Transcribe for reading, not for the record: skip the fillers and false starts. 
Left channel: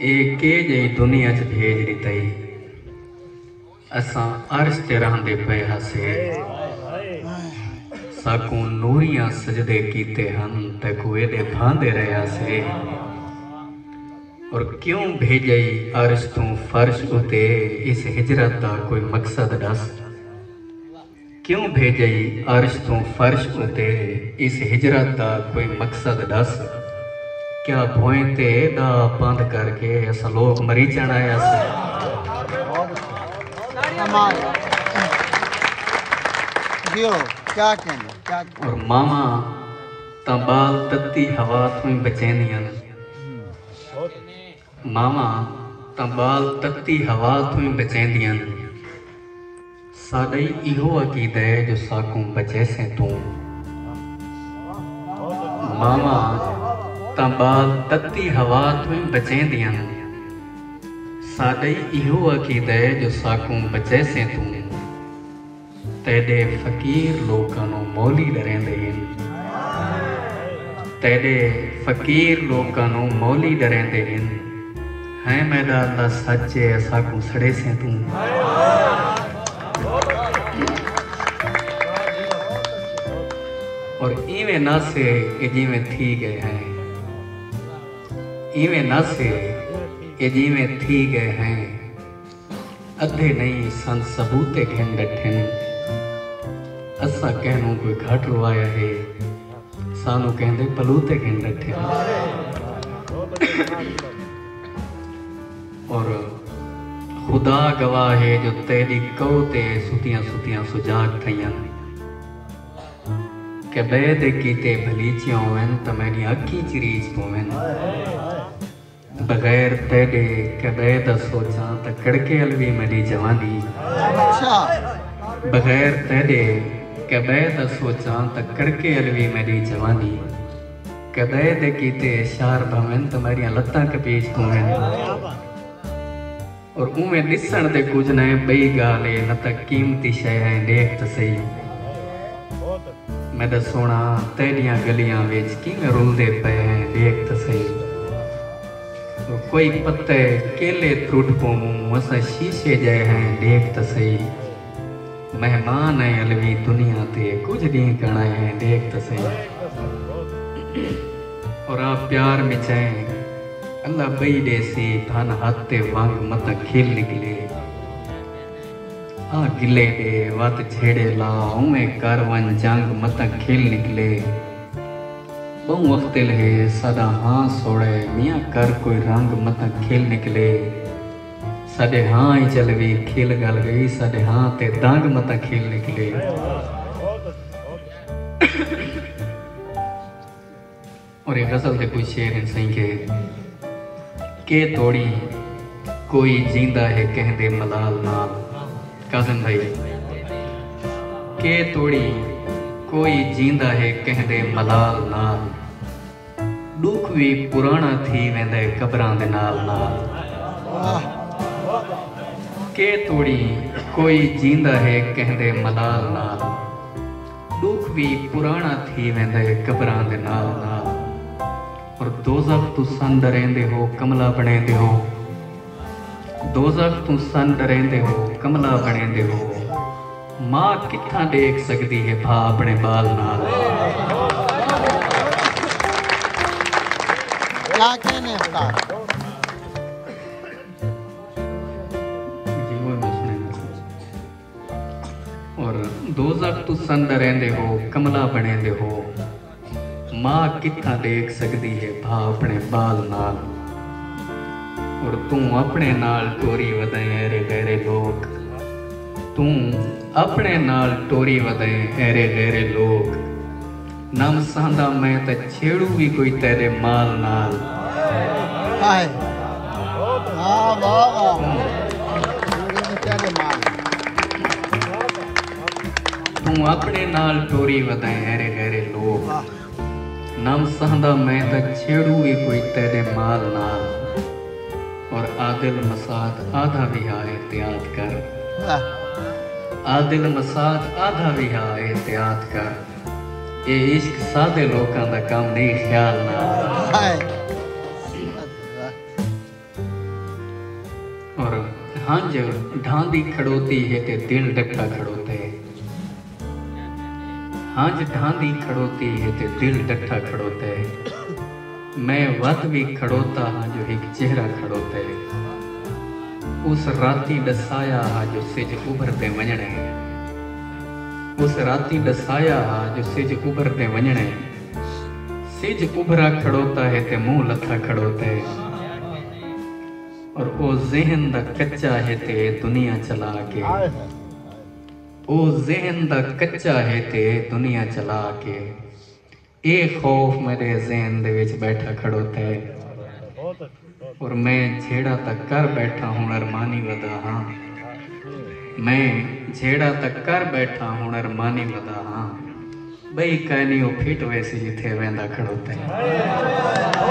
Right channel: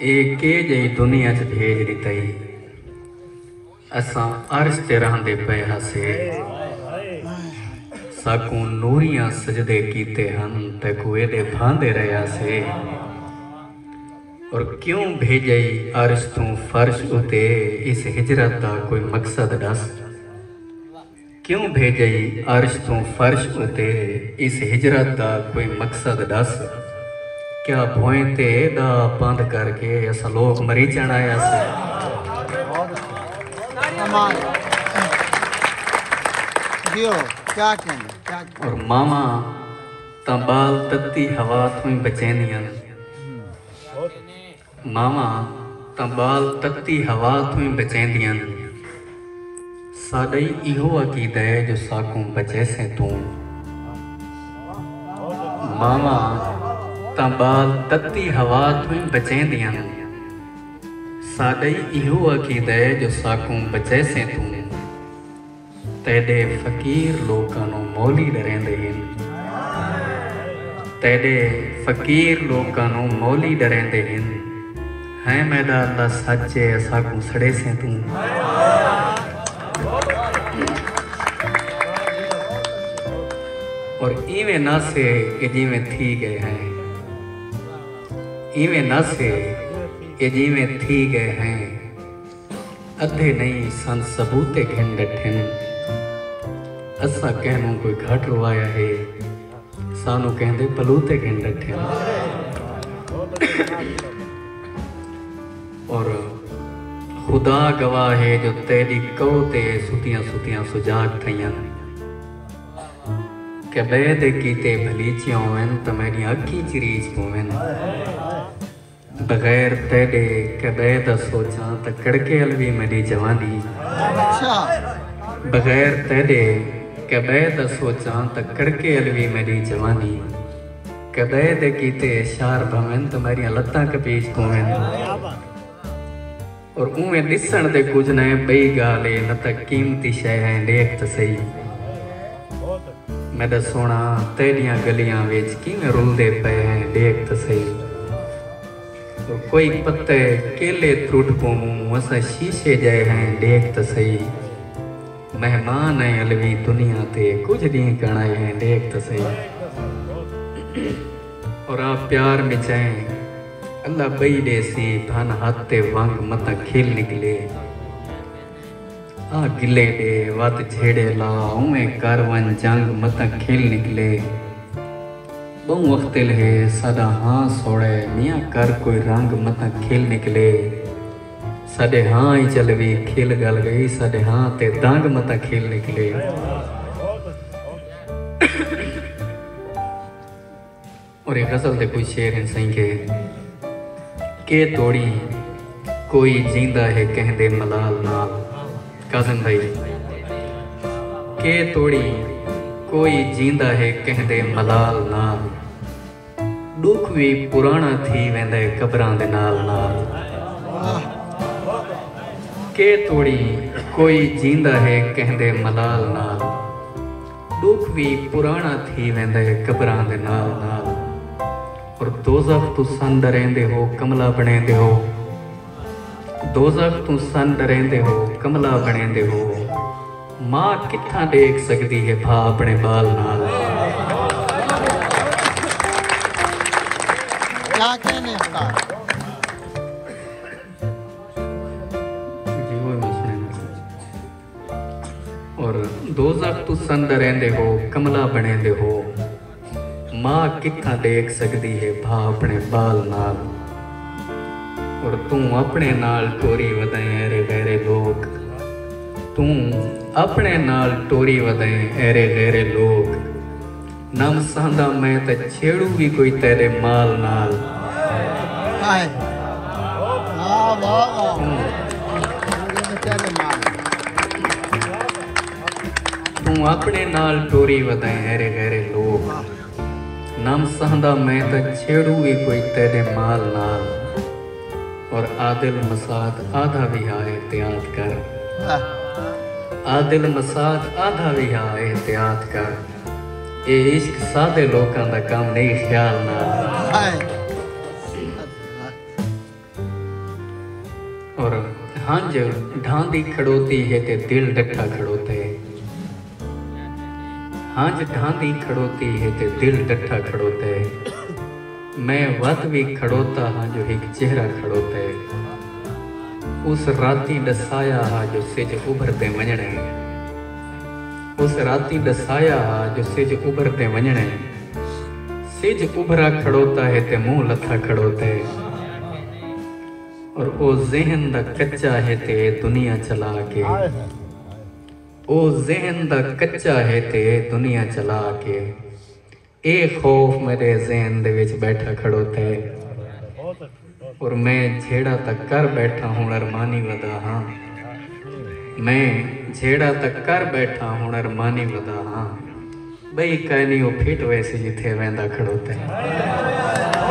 के जई दुनिया च भेज दितई असां अर्श ते रहंदे पे हसे साकू नूरियां सजदे कीते हम ते कुए दे भांदे रहा से और क्यों भेजई अर्श तू फर्श उते इस हिजरत दा कोई मकसद दस क्यों भेजई अर्श तू फर्श उते इस हिजरत दा कोई मकसद दस क्या भोए ते दा बंद करके अस लोग मरी जाना है और मामा तबाल तत्ती हवा तू बचेंदियां मामा तबाल तत्ती हवा तू बचेंदियां साडे इहो अकीदा है जो साकू बचे से तू मामा तबाल तत्ती हवा तू बचेंदियां साडे इहो अकीदा है जो साकू बचे से तू तेरे फकीर लोकां नूं मोली डरेंदे तेरे फकीर लोकां नूं मोली डरेंदे है मैदा अल्लाह सच्चे साकू सड़े से तू और इवें ना से जिवें थी गए हैं इवें ना से जिवें थी गए हैं अधे नहीं सन सबूते घिन डठे असा कहनू कोई घट लवाया है सानू कहंदे पलूते घिन डठे और खुदा गवाह है जो तेरी कहो ते सुतियां सुतियां सुजाग थइयां के बेदे कीते भलीचियां होवन त मेरी अखी चिरीज होवन बगैर तेरे के बेदा सोचा त कड़के अलवी मेरी जवानी बगैर तेरे के बेदा सोचा त कड़के अलवी मेरी जवानी के बेदे कीते इशार भवन त मेरी लत्तां कपीच होवन और उमें दिसण दे कुछ न बई गाले न त कीमती शय है देख त सही मैं सोना तेरिया गलियां विच किवें रुलदे पे देख त सही और कोई पत्ते केले त्रुट को असा शीशे जाए हैं देख त सही मेहमान है अलवी दुनिया ते कुछ दी कणाए हैं देख त सही और आप प्यार में चाहे अल्लाह बई देसी धन हाथे वांग मत खेल निकले आ गिले दे वत छेड़े ला उमे कारवन जंग मत खेल निकले बहु वक्त ले सदा हाँ सोड़े मियाँ कर कोई रंग मत खेल निकले सदे हाँ ही चलवी खेल गल गई सदे हाँ ते दांग मत खेल निकले और गजल दे कोई शेर सही के तोड़ी कोई जींदा है कहते मलाल नाल काजम भाई के तोड़ी कोई जींदा है कहते मलाल नाल दुख भी पुराना थी वेंदे कबरां दे नाल नाल के तोड़ी कोई जींदा है कहते मलाल नाल दुख भी पुराना थी वेंदे कबरां दे नाल नाल और दोज़ख तू सन डरेंदे हो कमला बनेंदे हो दोज़ख तू सन डरेंदे हो कमला बनेंदे हो मां कित्थां देख सकदी है भा अपने बाल नाल और दोज़ख तू सन डरेंदे हो कमला बनेंदे हो मां कित्थां देख सकती है भा अपने बाल नाल और तू अपने नाल टोरी वधाए ऐरे गहरे लोग तू अपने नाल टोरी वधाए ऐरे गहरे लोग नम सांदा मैं त छेड़ूगी कोई तेरे माल नाल तू अपने नाल टोरी वधाए ऐरे गहरे लोग नाम सहदा मैं तक छेड़ूंगी कोई तेरे माल नाल और आदिल मसाद आधा भी आए एहतियात कर आदिल मसाद आधा भी आए एहतियात कर ये इश्क सादे लोकां दा काम नहीं ख्याल ना हांज ढांदी खड़ोती है ते दिल डट्ठा खड़ोते, हांज ढांदी खड़ोती है ते दिल डट्ठा खड़ोते। मैं वत भी खड़ोता हाँ जो एक चेहरा खड़ोते, उस राती दसाया हा जो सिज उभरते वञणे, उस राती दसाया हा जो सिज उभरते वञणे। सिज उभरा खड़ोता है ते मुंह लथा खड़ोते, और ओ ज़हन दा कच्चा है ते दुनिया चला के, ओ ज़हन दा कच्चा है ते दुनिया चला के। ए खौफ मेरे ज़हन दे विच बैठा खड़ोता है, और मैं झेड़ा तक कर बैठा हूं अरमानी वदा हाँ, मैं झेड़ा तक कर बैठा हूं अरमानी वदा हाँ। बई कहनी ओ फिट वैसी जिथे वेंदा खड़ोता है।